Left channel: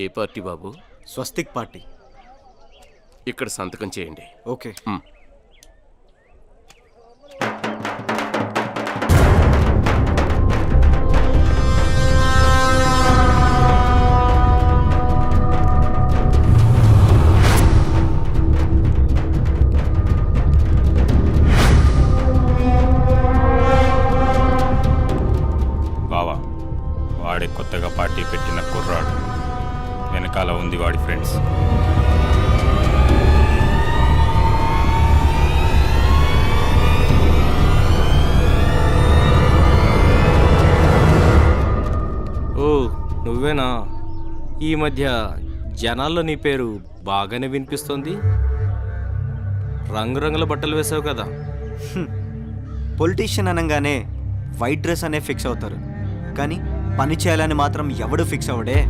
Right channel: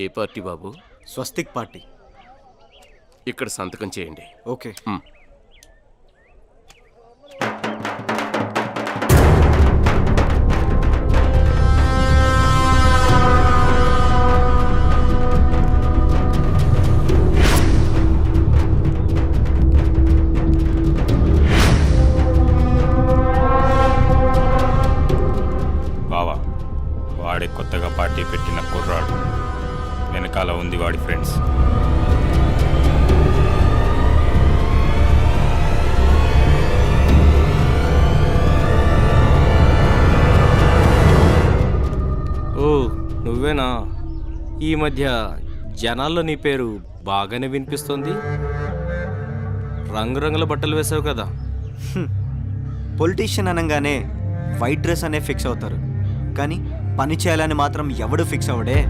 ఏ party బాబు? స్వస్తిక్ party. ఇక్కడ సంతకం చేయండి. ఓకే. బావా, వాడే కొత్తగా పార్టీ పెట్టిన కుర్రాడు. వెనకాల ఉంది వాడి ఫ్రెండ్స్. ఓ నువ్వేనా? ఈ మధ్య జనాల్లో నీ పేరు బాగానే వినిపిస్తోంది. రంగురంగుల బట్టలు వేసావు కదా. పొలిటీషియన్ అనగానే వైట్ డ్రెస్ అనే ఫిక్స్ అవుతారు, కానీ పని చేయాలని మాత్రం ఎవడు ఫిక్స్ అవ్వడే.